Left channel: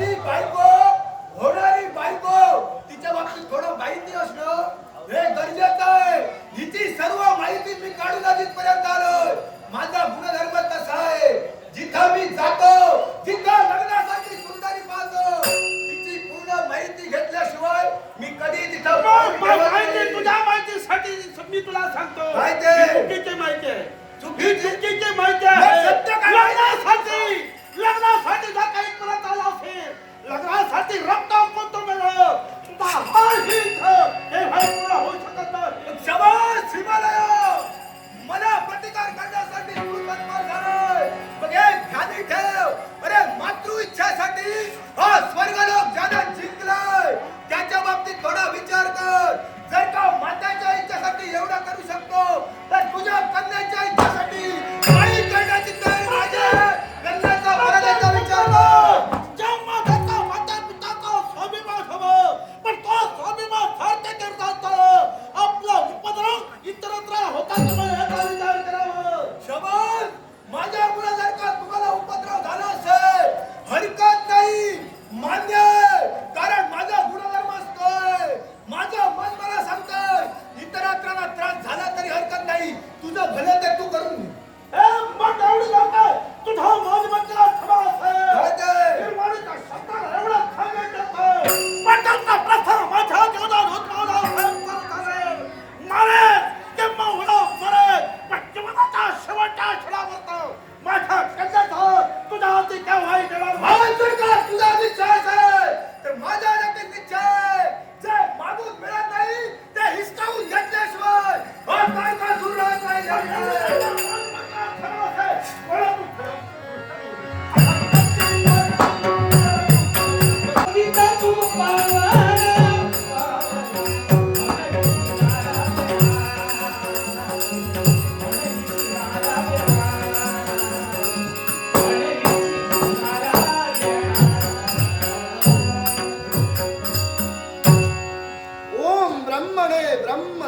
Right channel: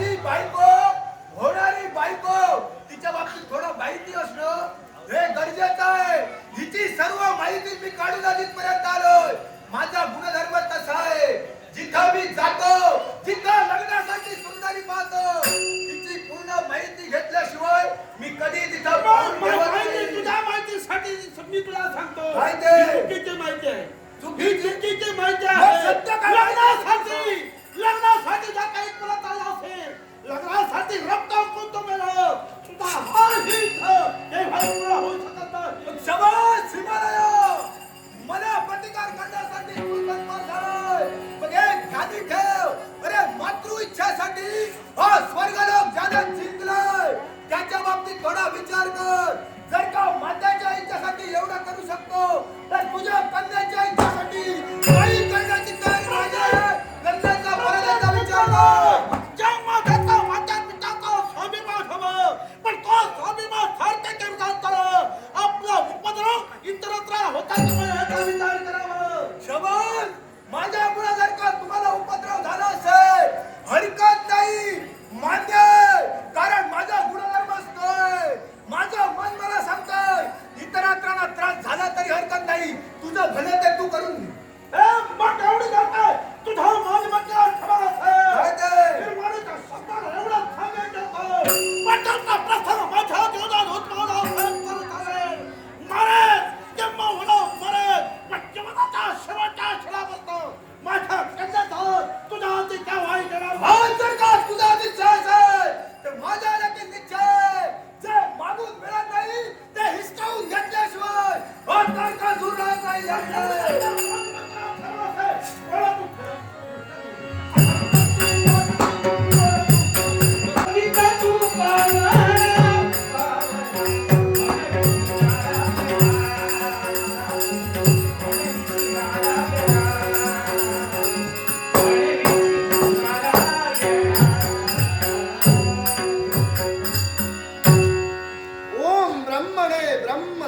माझी बायको होणारी बायको तिच्या बाबतीत थोडं माहिती असणं हे गरजेचं आहे. हिची सर्व माहिती मी काढून जिथपर्यंत आलोय. माझा गुणधर्म तसा आहे, जिथं मी जातो तिथं लग्नासाठी सुंदरी पाहतो. तिची पूर्ण माहिती घेतल्याशिवाय मी कधी तिथं माहिती तुझ्या माहितीसाठी मी तुला सांगतो. चुकीची माहिती आहे, चुकीची माहिती आहे. लग्नासाठी जर काही करत आला असेल, लग्नासाठी रक्कम कोणतं मिळालं तुझा हा हे भाई तुला होऊ शकत नाही. शबाश हिमालय, मला प्रतिकार करण्यासाठी तू तत्पर झालाय. मग एक ध्यानी ठेव, अरे मातृ इच्छासाठी हा स्वर्गलोक ज्यानं जिंकलाय त्याच्या बाबतीत थोडा विचार कर. जर का माताच्या इच्छासाठी एवढं करू शकतो तर तुझ्या कन्याच्या इच्छासाठी काही करण्याची तयारी पाहिजे. लग्नाचा परदाचा विचार कर. ज्या माताचा माता पिताचा स्वाभिमान हवं, पण तो स्वाभिमान सारखे करतात आपला उपद्रव इतरत्र होता की याचा विचार करावा. शबाश, माझ्यामुळे जर का तुम्हाला उपद्रव झाला असेल हरकत नाही, मान्य आहे. कारण माझा गुणधर्म असतोय, माझं मन मला सांगतोय इतरांना त्रास झाला तरी हरकत नाही. तुझं भलं ते तू करून घे. मग एवढी करताय तुझा मालमत्ता ठरास आहे. निर्माणीच्या शब्दाला एवढं सांगायचं पटलचा प्रसार माझ्या जीवनात होत मारे किंवा होणं मरे, पण जीवनाच्या शेवटच्या क्षणापर्यंत माझ्या कन्याचा तुझ्या हाती काय वाईट येणार जर का तुझा निश्चय असेल तर माझा देखील निश्चय आहे. जे मागून मिळत नाही ते हिसकावून घेतल्याशिवाय काय का दूर राहत नाही.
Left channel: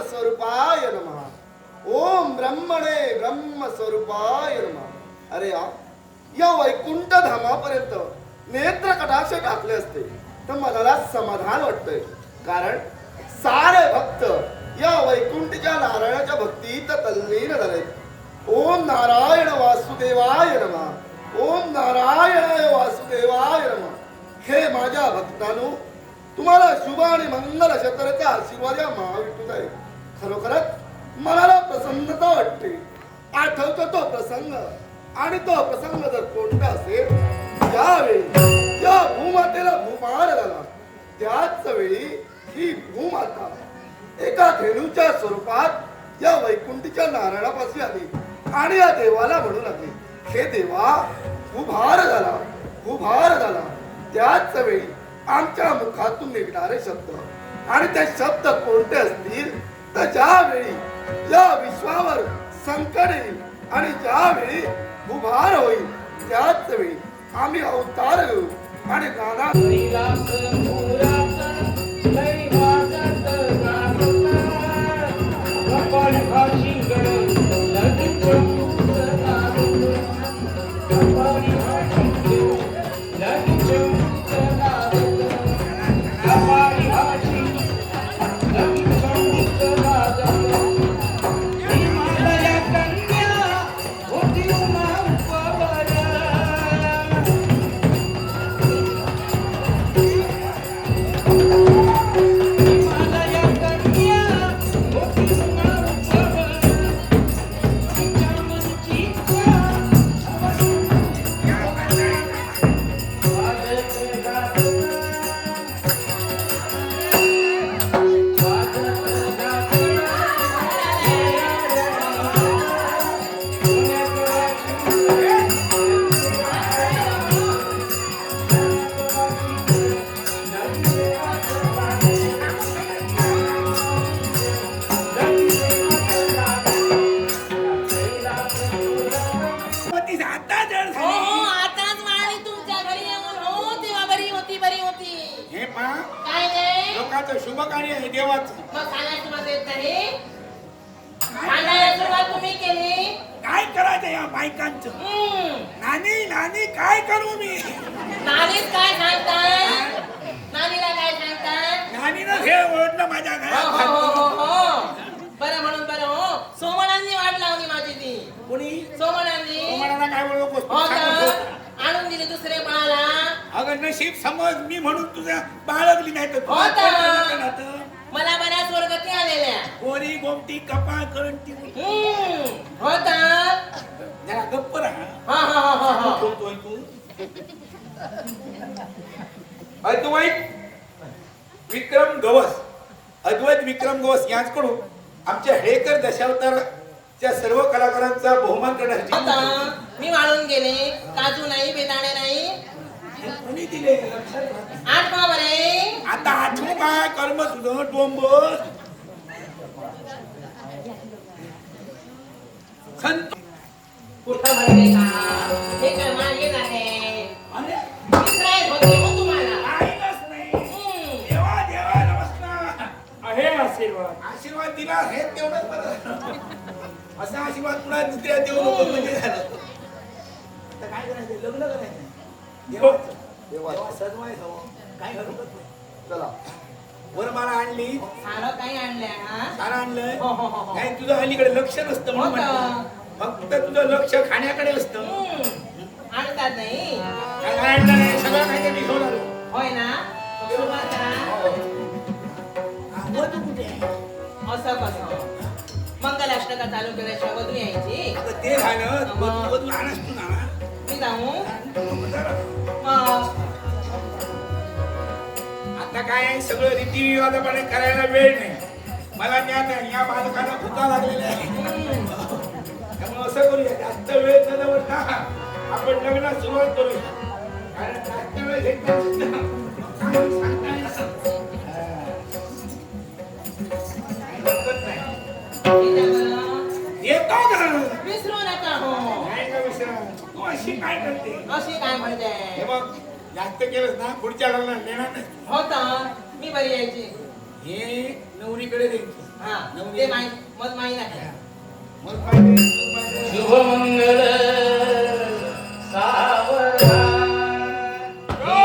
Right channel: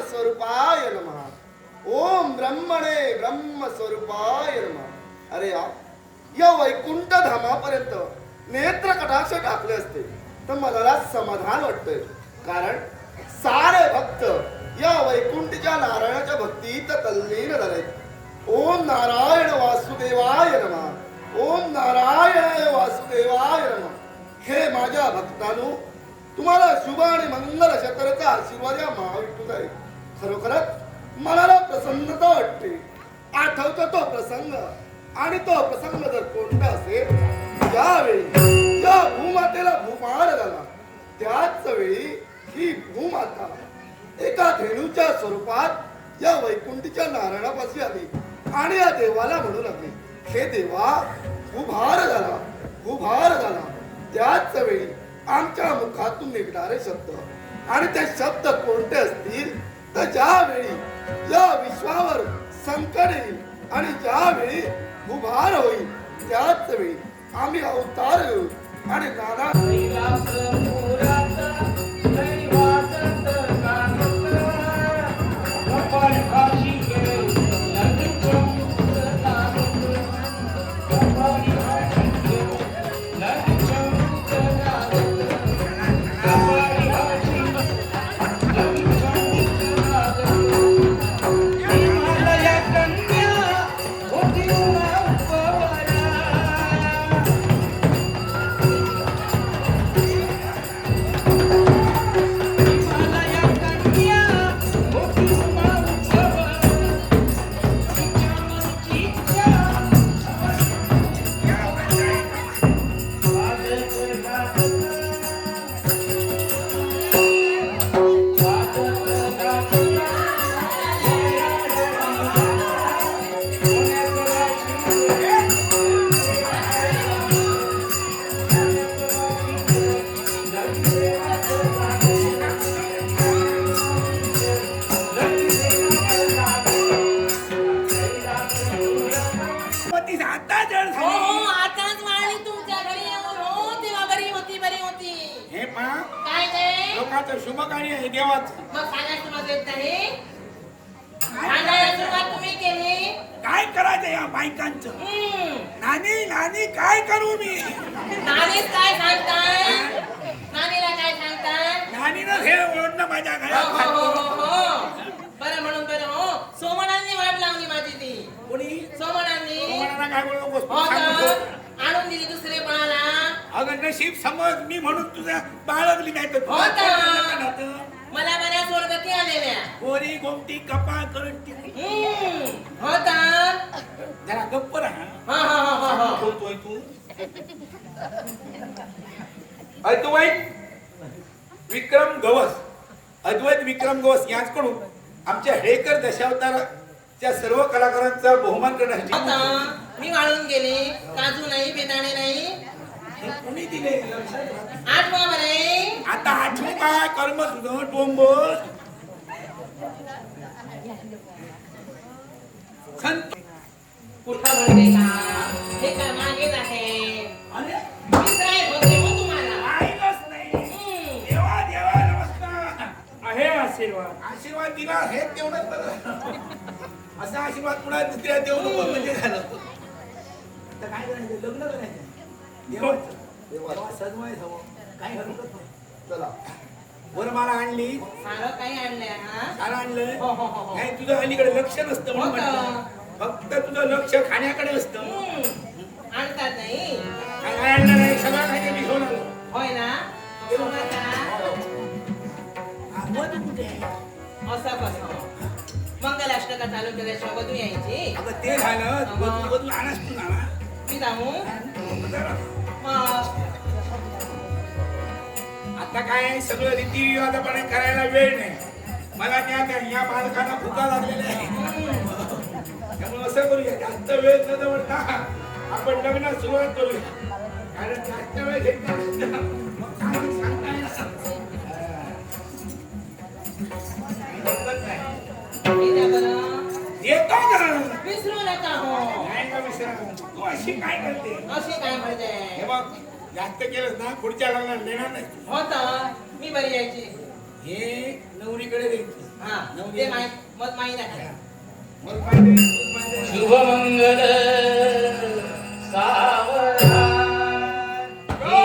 स्वरूपाय नमः. ओम ब्रह्मणे ब्रह्म स्वरूपाय नमः. अरे या वैकुंठ धामापर्यंत नेत्र कटाक्ष टाकले असते तर मला समाधान वाटतंय. कारण सारे भक्त या वैकुंठच्या नारायणाच्या भक्तीत तल्लीन झाले. ओम नारायण वासुदेवाय नमः. ओम नारायणाय वासुदेवाय नमः. हे माझ्या भक्तांनो, तुम्हाला शुभ आणि मंगल शतरचा आशीर्वाद या महाविष्णूचा आहे. खरोखरच मनाला प्रसन्नता वाटते. आठवतो तो प्रसंग, आणि तो प्रसंग जर कोणता असेल ज्यावेळी या भूमातेला भूभार झाला, त्याच वेळी ही भूमाता एका धेनूच्या स्वरूपात या वैकुंठीच्या नारायणापाशी आली आणि या देवाला म्हणू लागली, हे देवा भूभार झाला, भूभार झाला. त्याच वेळी आमच्या मुखातून निघणारे शब्द, आणि ते शब्द कोणते असतील तर ज्यावेळी या विश्वावर संकट येईल आणि ज्यावेळी भूभार होईल त्याच वेळी आम्ही अवतार घेऊ आणि नाना लोकांचं शुभ कार्य आहे देवाचं. मग सांगायचं माझं येत नाही. सांगायला सुरुवात तुम्ही केली. काय करायचं या बायकांचं? नानी नानी काय करू मी? नानीच काय सांगताय नानीला काय सांगताय नानीनं हे ओढणं माझ्या घरात हो, हो, हो, हो. बरं म्हणून बरं हो सोमणांनी वाट लावली माझी ती कोणी सोमणांनी कोणाला काय बोलू हो नको तर आणून दिली दुसऱ्या बाळाला अगं नशीब समज मी म्हणून तुझ्या बाळगली नाही तर हो तुझं तर. पोट नका नव्हतं. मला बऱ्याच वर्गती आलेल्या गोरी गोमटी कपाळ करंटी हो तर जरा गप्प राहा हा हा हा हा हा ठेवतोय तू अद्वैत विक्रम गवस अद्वैत विक्रम गवस यांच्याकडून आमच्या हेकर दशावताराच्या सर्व कलाकारांचा बहुमान करण्याची आता मी वाळून गेले काजू नाही बेदाणे नाही हे कोणी दिले लक्षात राहत. आठवा बरे आता आठवू काय कर्म तुझं डोंबर संत कुठं म्हणते का हे काय मागेच आहे अरे विसराय होते हो तुम्हाला पाहिलंच नाही हम्म. देवा देवा नमस्कार आहे आशीर्वाद आशीर्वाद दिला हे तेवढंच बरं असा आशीर्वाद पुन्हा दुसऱ्या देऊ नको म्हणजे झालं आता काय करायचं लग्न करायचं देवाचं देवा सजवाय हवं काय हरकत नाही चला वरमाला आणली सारं काही आणलंय हा सारं आणलं हो, हो, हो, हो. नाही तुझं अलीकडे लक्ष नसतं म्हणून हो का? म्हटलं. फक्त तुझं लक्ष खाण्याकडे असतं हम्म. आणतात नाही काय काय आणलं नाही सगळं काय ते मी घेऊन आलो होय ना सुरुवात हा, वधू कुठे आहे? असं कसं मंगलाष्टका चालू केल्याशिवाय वधू यायची अगं ते झालं वधू वधू आणास तू ना मी जाऊ जरा. मग आता काय सगळं रीतिरिवाजाप्रमाणे करायला वेळ नाही मला त्या या बालकाला भुका लागलेल्या आहे हम्म. त्यामुळे असं करूया जास्त वेळ न दवडता आपण लग्नात सुरुवात करूया कारण जास्त वेळ घेतला मग सांगता येणार. काही हरकत नाही येत्या बरं. येतो का विसरू नका हो नाही का विसरा तू अशी काय करते अशी काय म्हणते हे बघ जास्त केलंस ना पुढच्या लग्नात देणार नाही हो तर मी बरी यायची हे नवरीकडे दे हा ते माहीत मग माहीत आहे मग पाहिजे शुभमंगल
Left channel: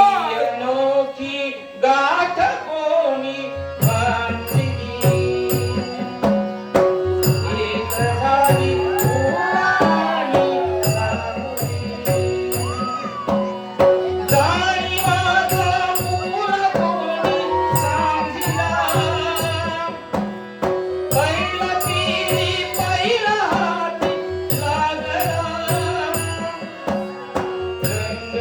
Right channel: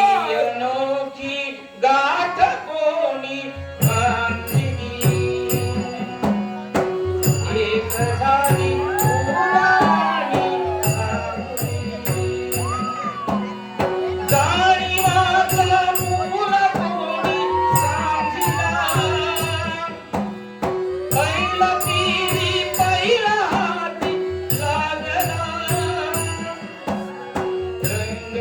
अनोखी गाठ कोणी बांधली एक झाली जाणी माझा पुरा कोणी सांगितला पहिला पिरी पहिला हाती लागला रंग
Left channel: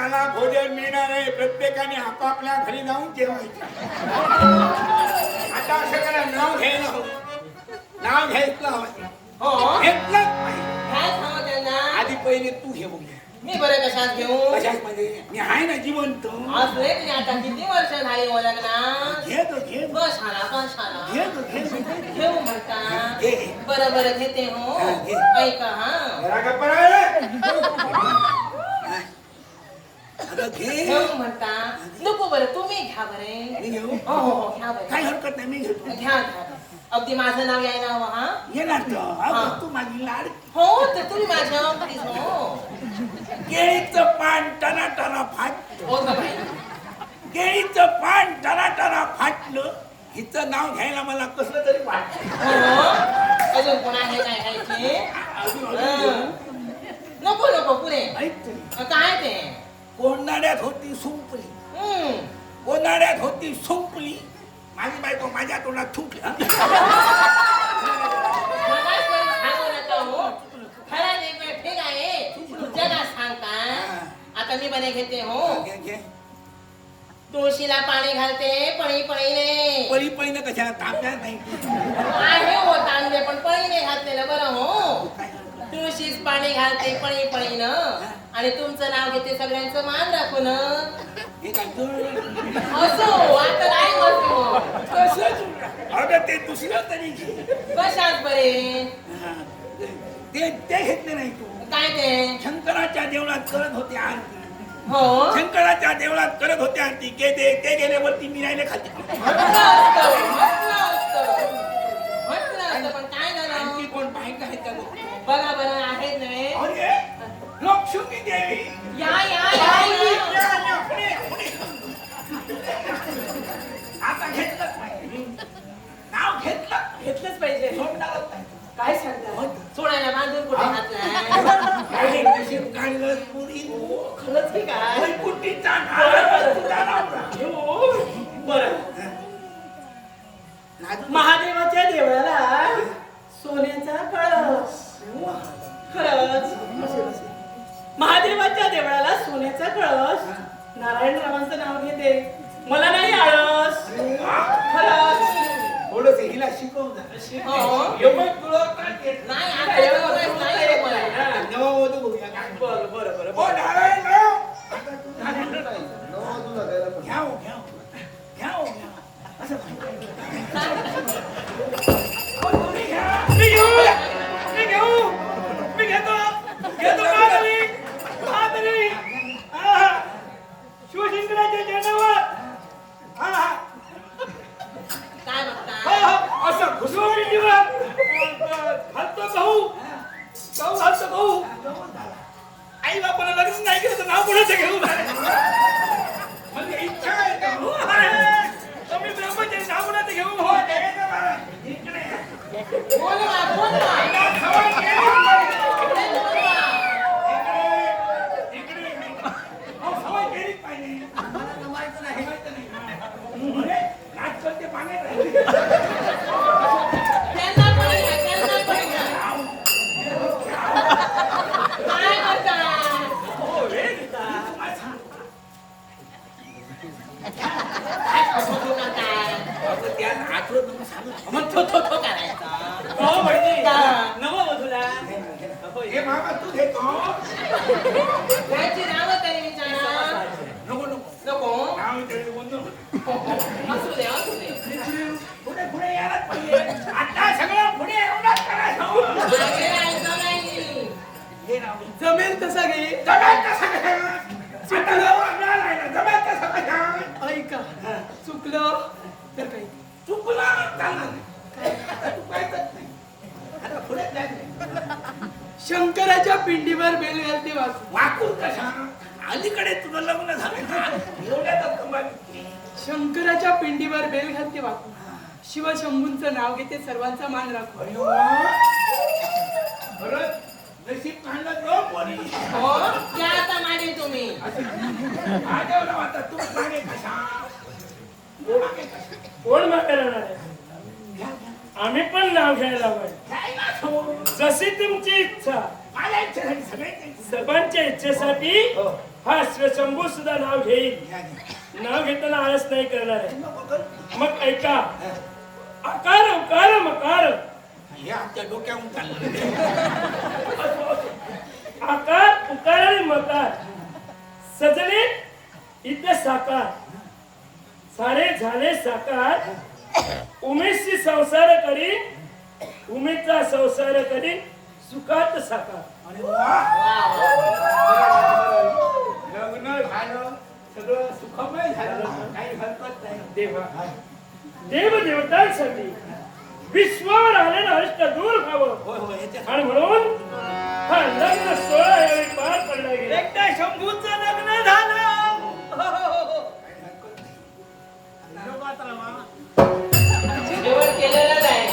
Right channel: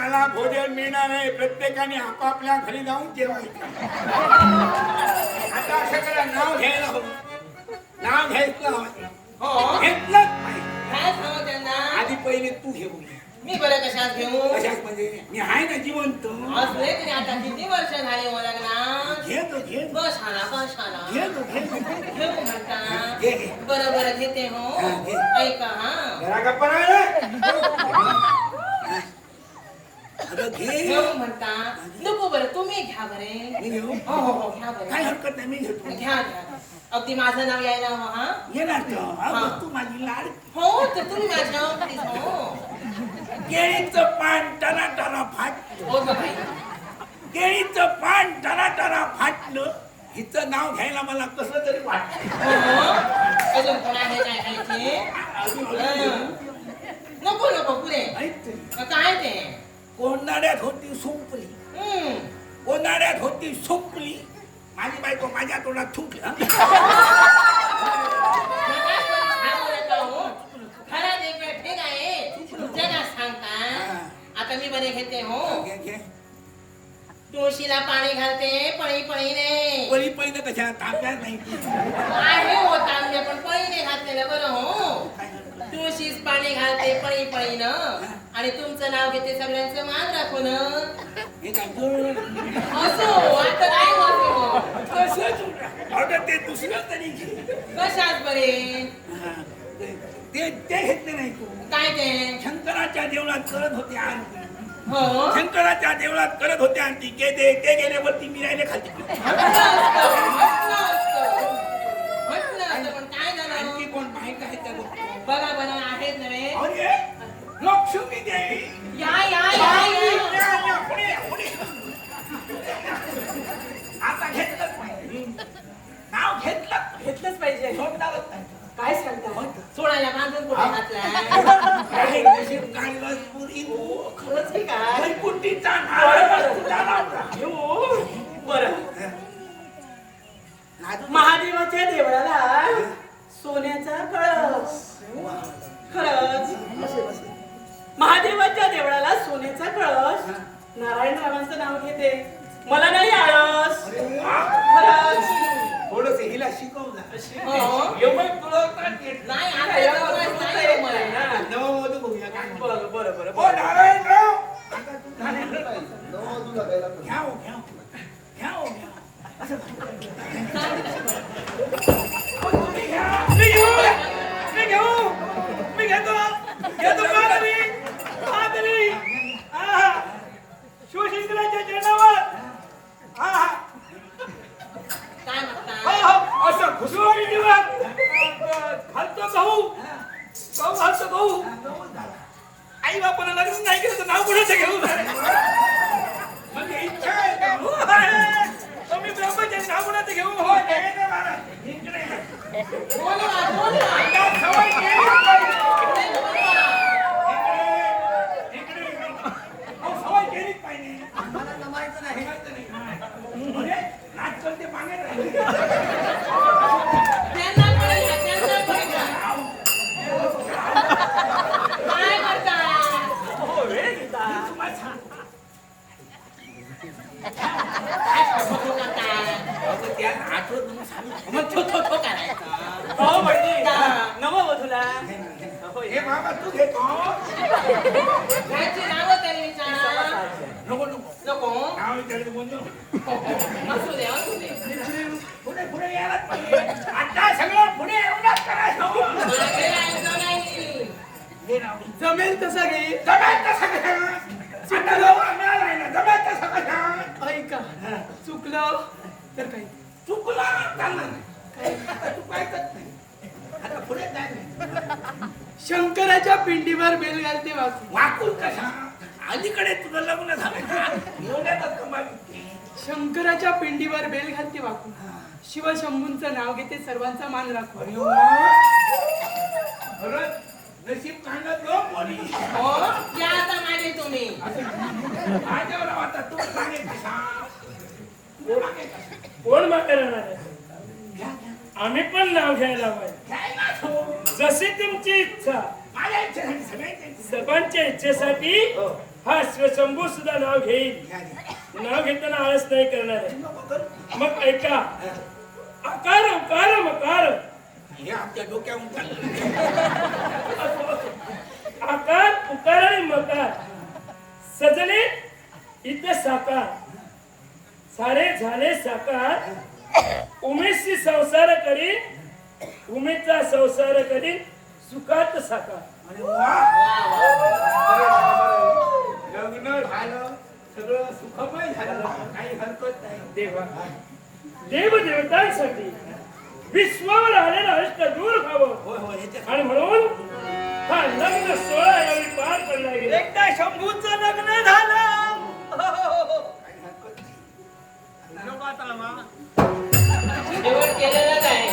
प्रत्येकाला भोजन मिळणार आहे. प्रत्येकाने आपापल्या घरी जाऊन जेवायचं. आता असं करा, नाव घ्यायला हवं. नाव घ्यायचं हवं. हो घेतलंच पाहिजे. काय सांगू त्यांना आधी पहिले तू घे बघूया. मी बरं कशात घेऊ कशाच म्हणजे मी आहे ना जिवंत. असले की आता किती वर्ष झाली हो लग्नात घे ग, घे ग. बसाना बसाना घे ग, घे ग. घेऊ म्हणता घे, घे. बरं बरं घेते हो हा, घे. ऐका हा जरा गप्पा राहा. अगं घे. घेऊ म्हणता नको बरं तुम्ही घ्या बरे मी घेऊ. हो हो हो घ्या बरं काय हरकत नाही, मी घेतो. घ्या घ्या अगदी माझं नाव यायला हवं हा येणार तर. हा. अगं तू माझी लाड. हो तर तुम्ही माझ्या अगदी हो केळीचं पान टना टना फाटलं. हो ग बाई केळीचं पान टना टना फाटलं. हिचं नाव घ्यायला मला कसं तरी वाटलं. हो हो अजून कोण आहे काय खायचे अजून हं. नको नको पुरे ऐक तरी. काय ते कोणाड्यात होती सुंपली. हम्म. कोणाड्यात होती सुंपली. माझी बायको माझ्या तोंडात थुंकली. खरंच एक वेळ ठीक आहे जगा सांगता आता मी बरे घेते हो घे, घे. तुळशीला पाणी घालते पळी पळीने पळी पळीनं कशा तांब्यात नाही. आहे हो तांबे पण पळीने घातलेलं बरं हो काय हरकत. तुळशीच पाणी घालते पळी पळीनं आणि तुमचं नाव घेते सगळ्यांचं मान राखून हे काय जुळलं? असो आता काय म्हणतो कसं जुळलं? अगं ते दुसरं तरी घे. कशात बरे हा. ते ते घेतले नाही तू. काय ते शंकराच्या देवळात करत होते आरती. हो शंकराच्या देवळात करत होते आरती. ते गेल्यावरती मी राहिले खाली. म्हटलं असतं पण काय झालं आणखी कोण माहित आहे का बघतो. बघा बरं आहेत नव्हे अरे लक्ष्मी देवी. या या बाहुली, या या, या, पुढे या, पुढे या. आता घेतलंच नाही. नाव घेतलंच पाहिजे सोडणारच नाही. काय सांगता सोडायला बांधून कुठे घातलाय काही नशीब काढलंस पुरी. खरंच की काय वैकुंठीचा नारळ तुझा नवरा. बरं नाजूक महादेवाच्या देवळाला सोन्याचा कळस खरंच महादेवाच्या देवळाला सोन्याचा कळस नारायण रावांचं नाव घेते मला नाही आळस खरंच थोडस हिला शिकवलं. हो. एवढं कळवतात येत नाही आता एवढं नाही हो मला. नववधू बघूया काय म्हणतात. बरं बरं बरं ओ नारायणराव. आता तू नारायणराव. नववधूला घ्यायला पण. घ्या हो, घ्या हो. घ्या हो, घ्या हो. असं नाही. अहो, तुम्ही घ्या. मी घेऊ मी घेतो माधवी शिवशंकराच्या चरणावर काय हो, बघता हो, असं घुसवून घालतो गहू आई बापाला लग्न नाही केलं तर नाव कोणाचं घेऊ म्हणजे इच्छा आहे का? हो, आहे. तुम्ही ब्रह्मचारी नाव कोणाचं घेऊ हो, देवेंद्र महाराज. इकडे या. बोलवा बोलवा त्या सवय केलीच पाहिजे. बोलवा इकडे, इकडे. हो, सवय केलीच पाहिजे. मला जमायचं नाही. जमायचं नाही. अरे, नाच करते मागे राहिले. त्यांना पडला काय करता हो वेळ घेता मी तुम्हाला सांगतो. काय खोटं करता अगं, त्या नाचवत तुम्ही सांगू. मग थो करायचा हो बहिणी का? नववधूला हे बाबा तू घेतो. घ्यायची नावं तरी विचारा नको नको. नको नाव विचारायचं बंद. असू दे असू दे पुढे पुढे यायलाच पाहिजे. आता सगळं पुढे एवढंच करायचं. मागे यायचं नाही घे नाव. जमेल तसा घे जमेल तसं कशा? आता नवरा मिळालाय ना, जमेल तसं कशा? ऐका चुकलं तर काही चुकला चालणार नाही. आता तू काय करत नाही. आता पुढे जायचं. शंकराच्या पिंडीवर बेल घालते वाकू वाकून कशा? अलीकडे तुझं लग्न झालं का? एवढ्यातच कमाल होती. शंकराच्या पिंडीवर बेल घालते वाकू शिवशंभूंचं नाव घेते सर्वांचा मान राखू अरे वा. खरंच नशीब काढलं तो कोणी. हो त्या आता मागे तुम्ही माझ्यावर आता तू मागे कशा? मागे कशा? कोण मागे राहणार आहे घ्या, घ्या. आम्ही पण नाव घ्यायला पाहिजे घ्यायला समोर. जशी तुमची इच्छा माझ्या इच्छेसाठी सगळ्यांच्या इच्छा. सर्वांच्या इच्छेसाठी हा स्वशंभू सुद्धा नाव घेईल. घ्या, घ्या. नाव घेताना आळस नाही करणार आहे. नको करू. मग ऐका, हा. आकार उकार मकार. हे आमच्या डोक्याहून चाललं. असो, असो. आकार उकार आणि मकार सजले इथे साकार, सारे झाले साकार. उमेशशी संसार करी, उमेशचा संसार करी सुखात साकार. अरे वा. बरं, लग्न झालं, सगळं सुखमय झालं, काही हरकत नाही. देवा, देव देवतांसाठी विश्वावर आलेलं अष्ट दूर व्हावं होय होय ह्याच्या आणि म्हणून हा लग्न सोहळा यावेळी पार पडला गेला. एकदा शंभूचं लग्न झालं. काही हरकत नाही. जेवण केलेलं नाही.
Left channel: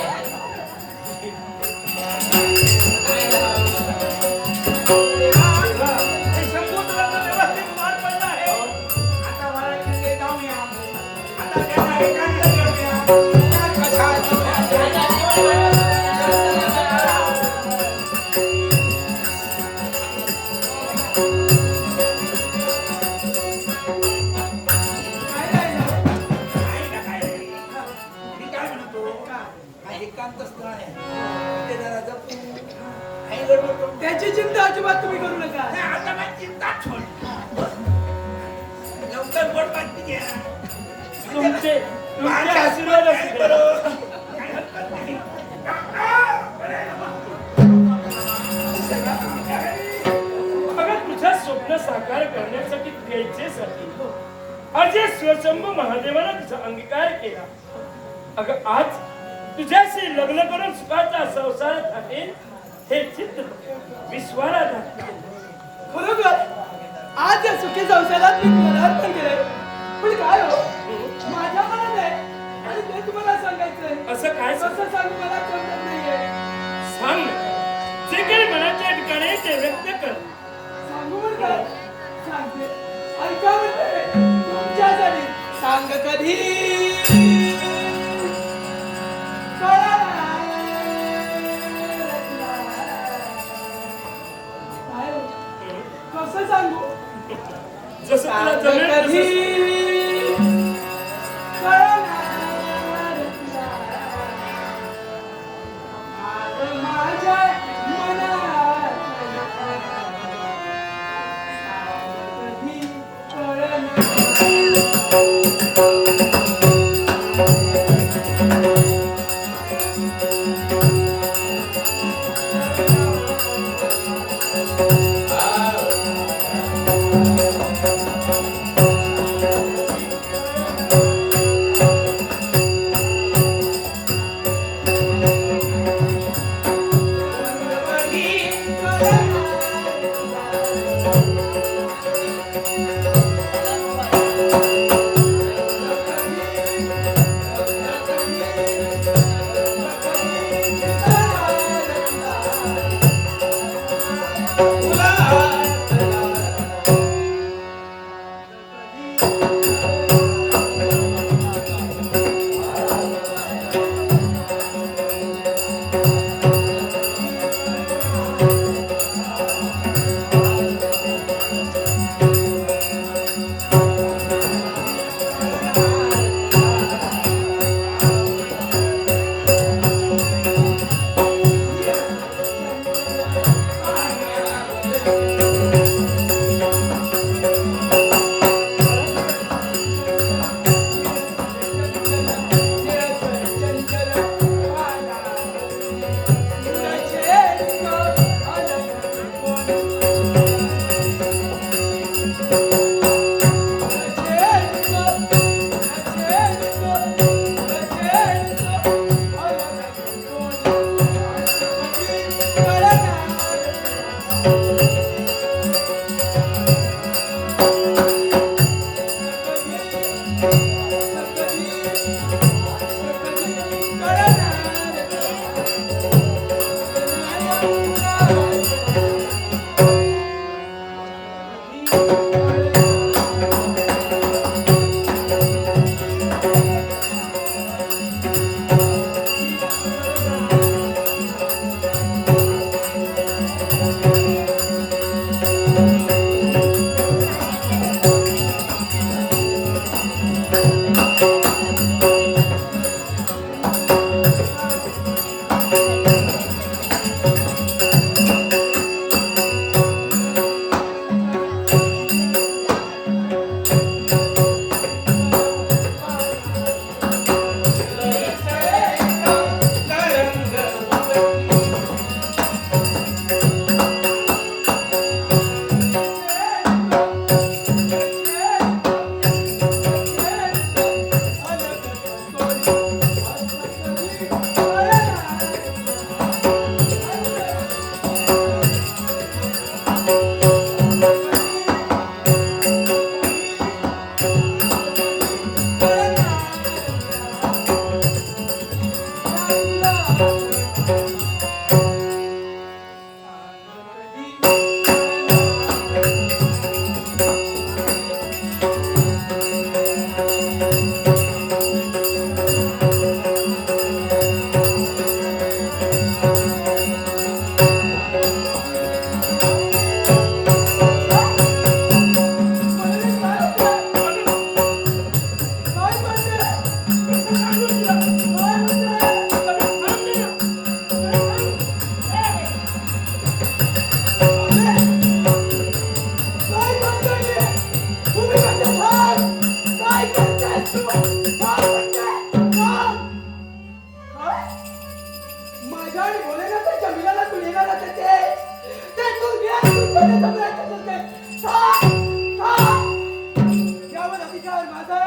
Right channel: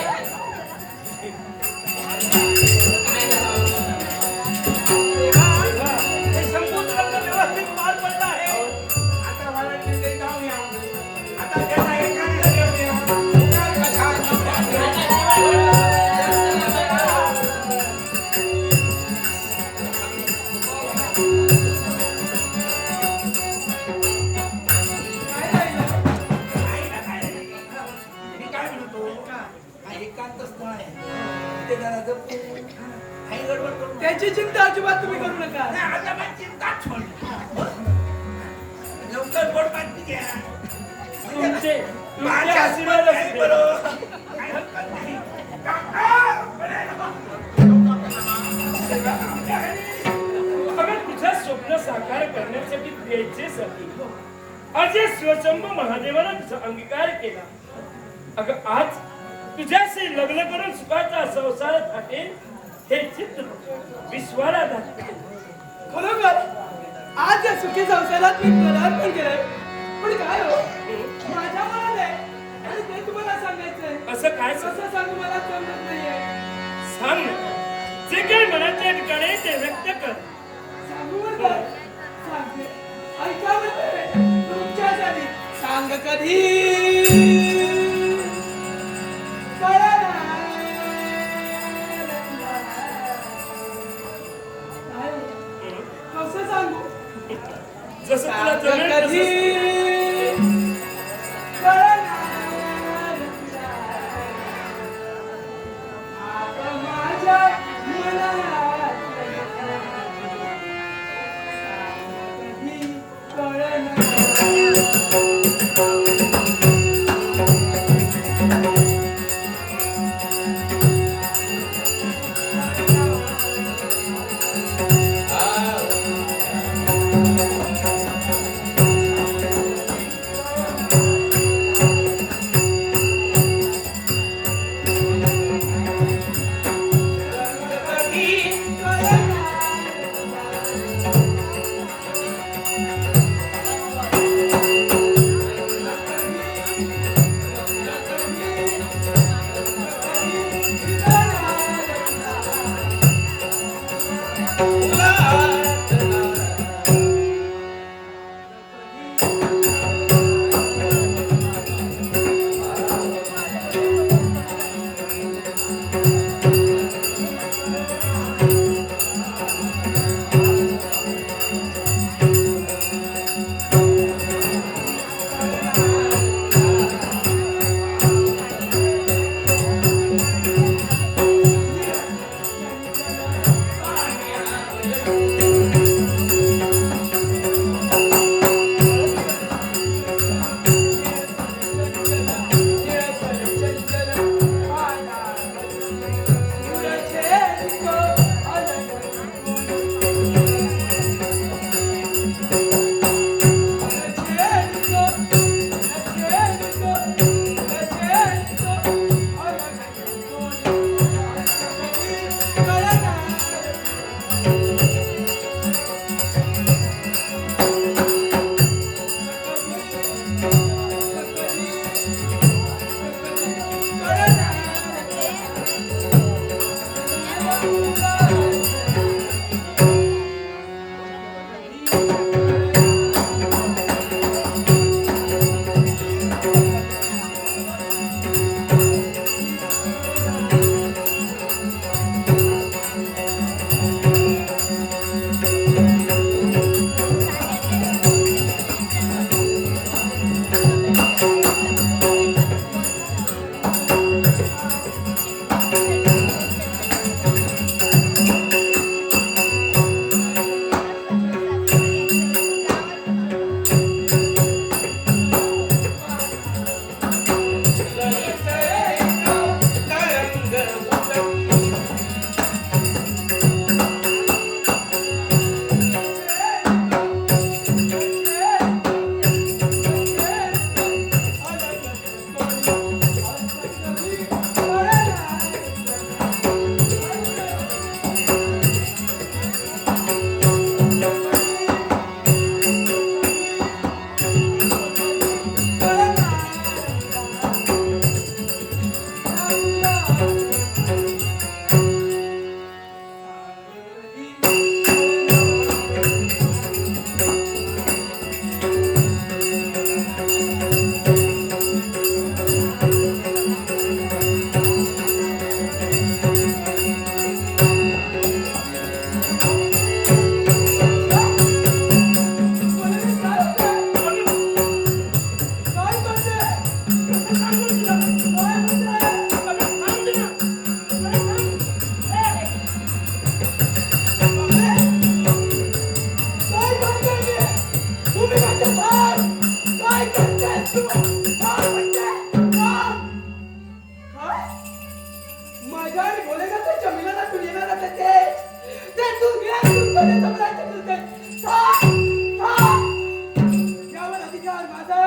देवा, हे शंभूचं लग्न व्यवस्थित पार पडलं आहे. आता मला इकडे जाऊया. आता त्यांना एकांत घेऊया. कथा जाऊया. काय राहिलं? नाही ना काय नाही. मी काय म्हणतो, हा एकांत स्थळ आहे. तिथे जरा जपून, काही गडबड करू नका. त्याची चिंता अजिबात तुम्ही करू नका. नाही, आता काय चिंता सोड. लवकर गोड बातमी घ्या. तुमचे माझ्या आशीर्वाद आशीर्वाद असू करो. दे. काही हरकत नाही. अगं तुझं स्वप्न साकार करण्यासाठी द्यायचेसाठी आज या स्वशंभू महादेवाला तुझा अंगीकार केला. अगं आज तुझ्याशी लग्न करून सुखाचा संसार थाटेल हे चित्त विश्वाला दाखवेल. खरोखर आज या सुखी संसारात मी पदार्पण केलाय. पण काय हो, माझ्या मनात आहे आणि ते तुम्हाला सांगायचंय. असं काय कसं सांगू मला समजत नाहीये. सांग ना. जे काही मनाच्या ठिकाणी ते व्यक्त कर. सांगू म्हणतात सांगते, ऐका म्हणते तुमच्यासाठी. सांग कधी कळणार. काय हो, कसं सांगू. जसं तुला सांग जमेल कधी तसं. कळणार तुला. आता माझ्या मनात सांग कधी कळणार.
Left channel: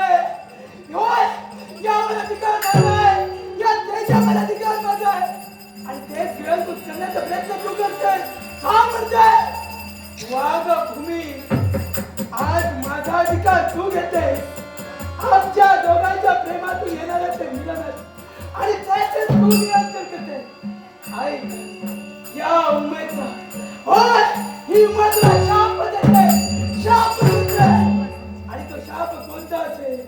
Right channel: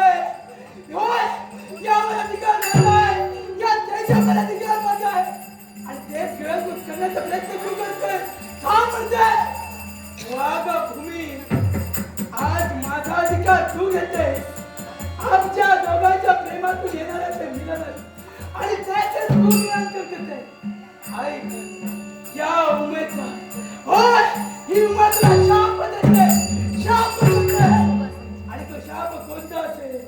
आहे होय यावर अधिकार माझा आहे या देशावर अधिकार माझा आहे आणि देश गिळंकृत करण्याचा प्रयत्न तू करतोय हा म्हणजे वाघभूमी आज माझा अधिकार तू घेते आमच्या दोघांच्या प्रेमातून येणाऱ्या ते मिलन आणि त्याचे तू नियंत्रण करते आई या उमेदचा होय ही उमेदला शाप देते शाप देते आणि तो शाप कोणता असेल